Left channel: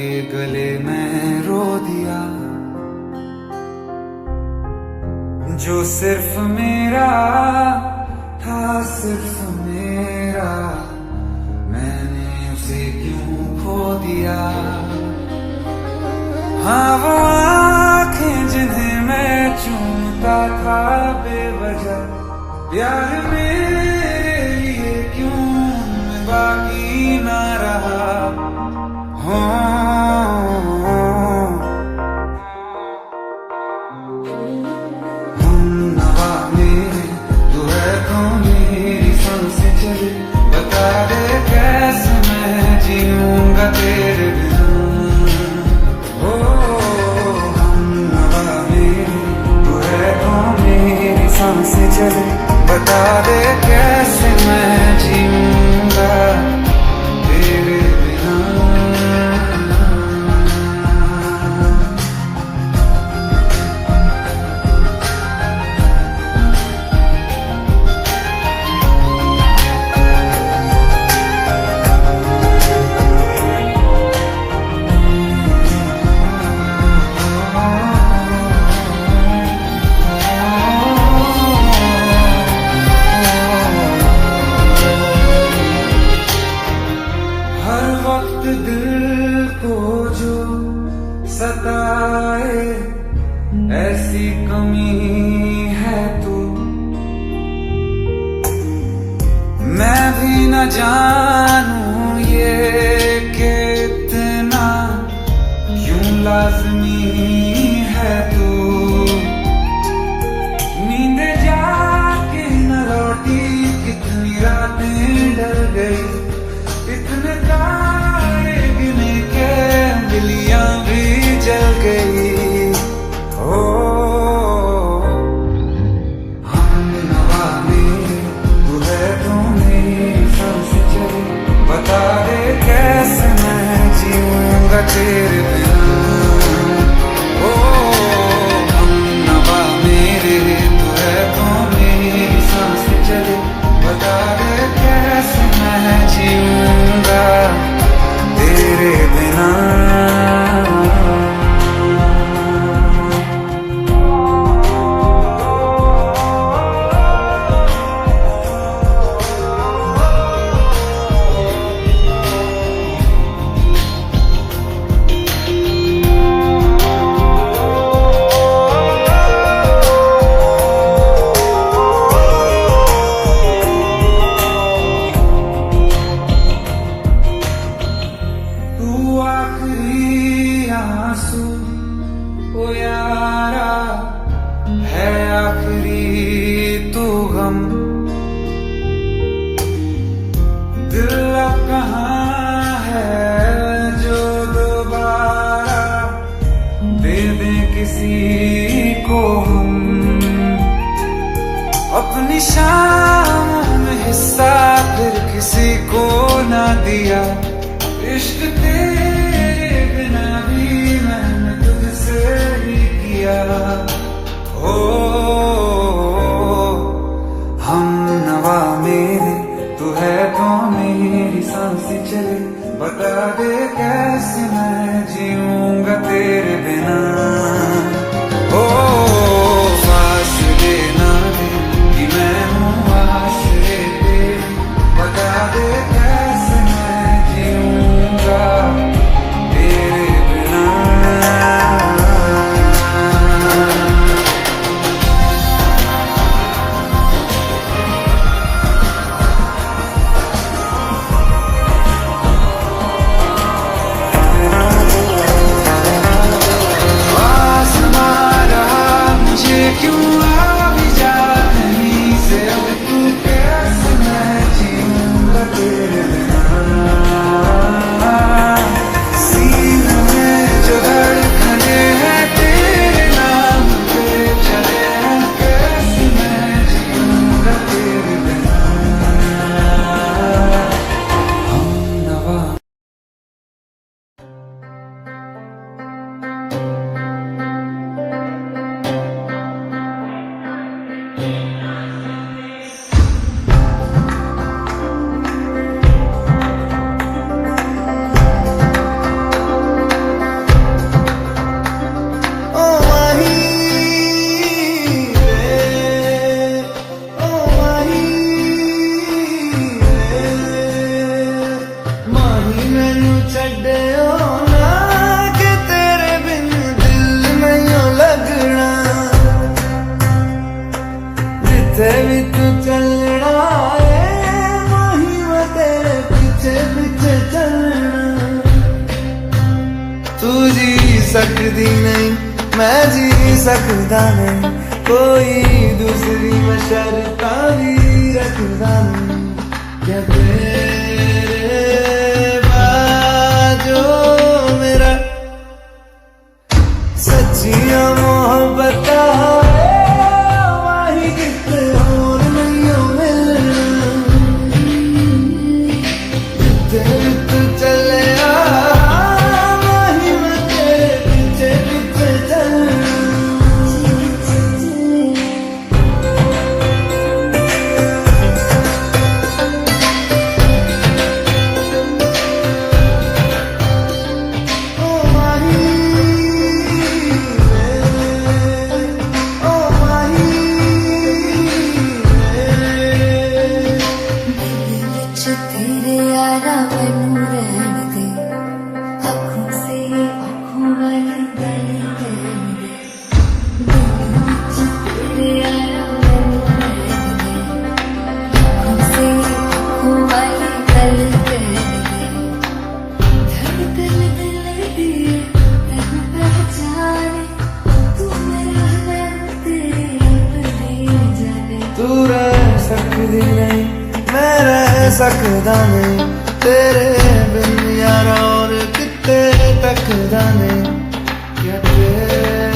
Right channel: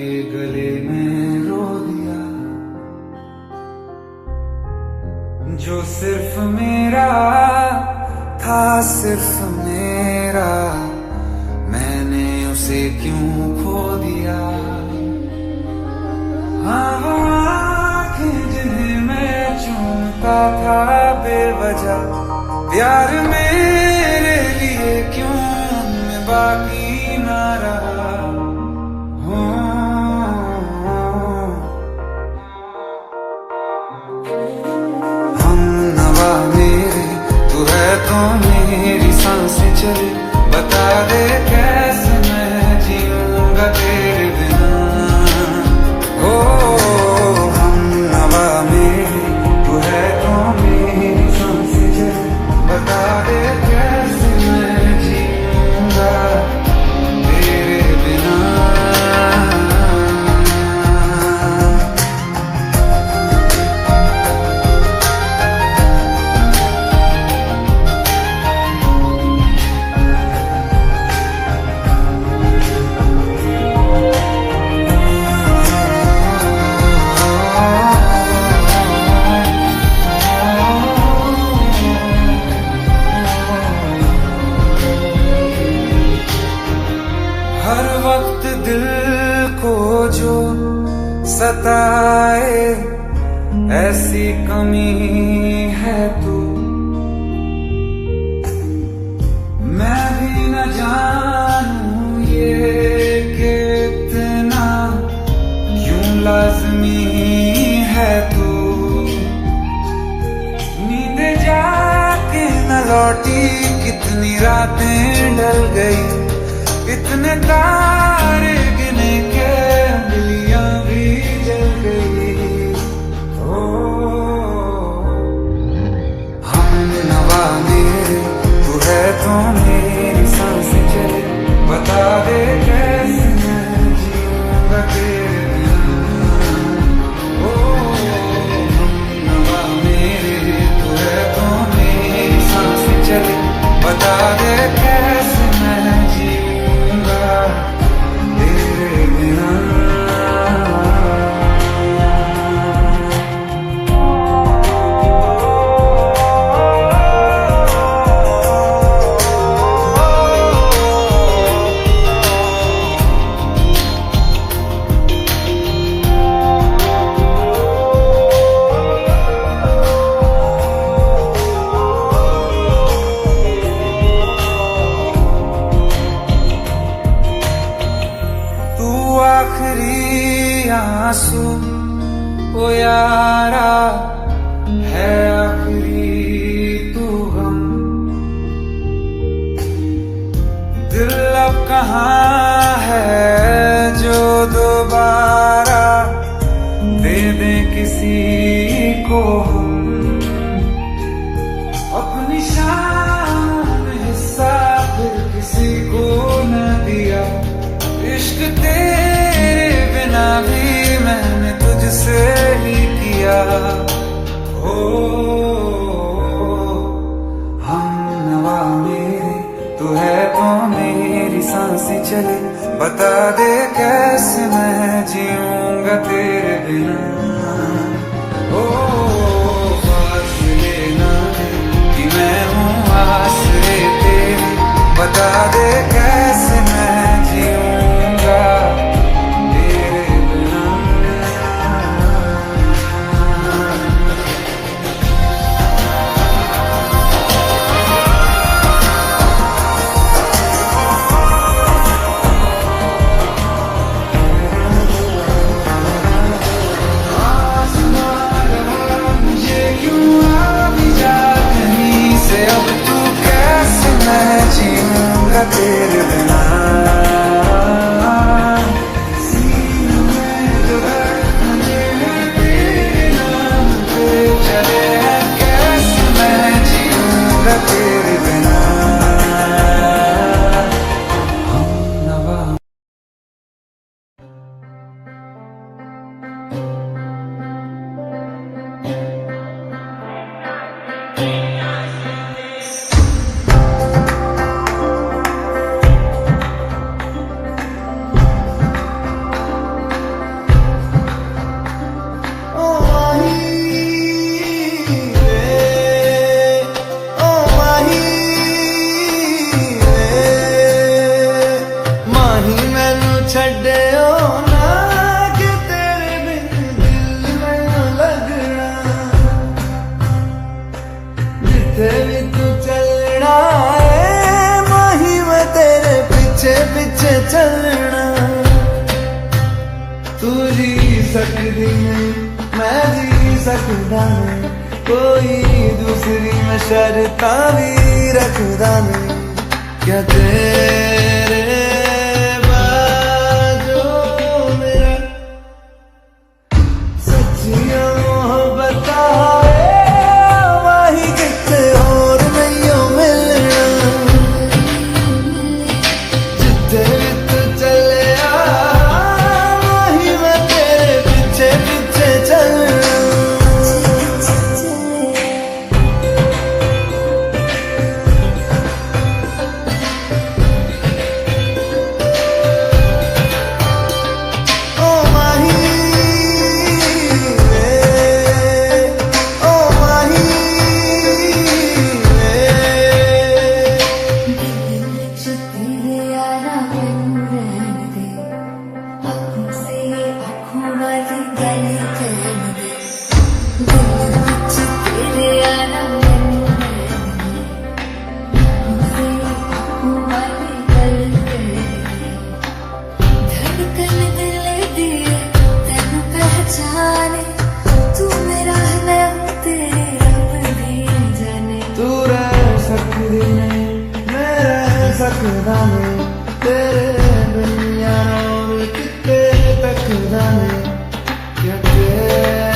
के गले में रो दिया, जो सिर्फ मेरा था, सिर्फ मेरा, मैंने उसे क्यों खो दिया। हाँ वो आँखें जिन्हें मैं चूमता था बेवजह, प्यार मेरे लिए क्यों उनमें बाकी ना रहा। चली बता दे कैसे मैं जीऊंगा तेरे बिना। हो हम नवा मेरी तू है तो मेरी सांसें चली, बता दे कैसे मैं जीऊंगा तेरे बिना। हर वक्त दिल को जो सताए ऐसी कमी है तू, मैं भी न जानूं ये कि इतना क्यों लाज़मी है तू। नींद जाके न लौटी, कितनी रातें ढल गई, इतने तारे गिने के अंगलियां भी जल गई। ओ हम नवा मेरे तू है तो मेरी सांसें चले, बता दे कैसे मैं जीऊंगा तेरे बिना। ओ हम नवा मेरे तू है तो मेरी सांसें चले, बता दे कैसे मैं जीऊंगा तेरे बिना। आखिरी आंसू ओ यारा है, आखिरी तू गम, दिल अब कहाँ है जो दोबारा दे दे किसी को हम। अपनी शाम में हिस्सा फिर किसी को ना दिया, इश्क तेरे बिना भी मैंने तुझसे ही किया। ओ हम नवा मेरे तू है तो मेरी सांसें चली, बता दे कैसे मैं जीऊंगा तेरे बिना। ओ फासले ना दे कि मैं हूँ आसरे तेरी, बता दे कैसे मैं जीऊंगा तेरे बिना। तू जी सकदी नहीं मैं जी सकदा नहीं कोई दूसरी मैं शर्तां भी रखदा नहीं क्या तेरे बाजो मेरा सच्चियां मोहब्बत वाही किते और नहीं मिलना जिथे तू चले तू रह सकदी नहीं मैं रह सकदा नहीं तेरे बिन यार और किते तकदा नहीं क्या तेरे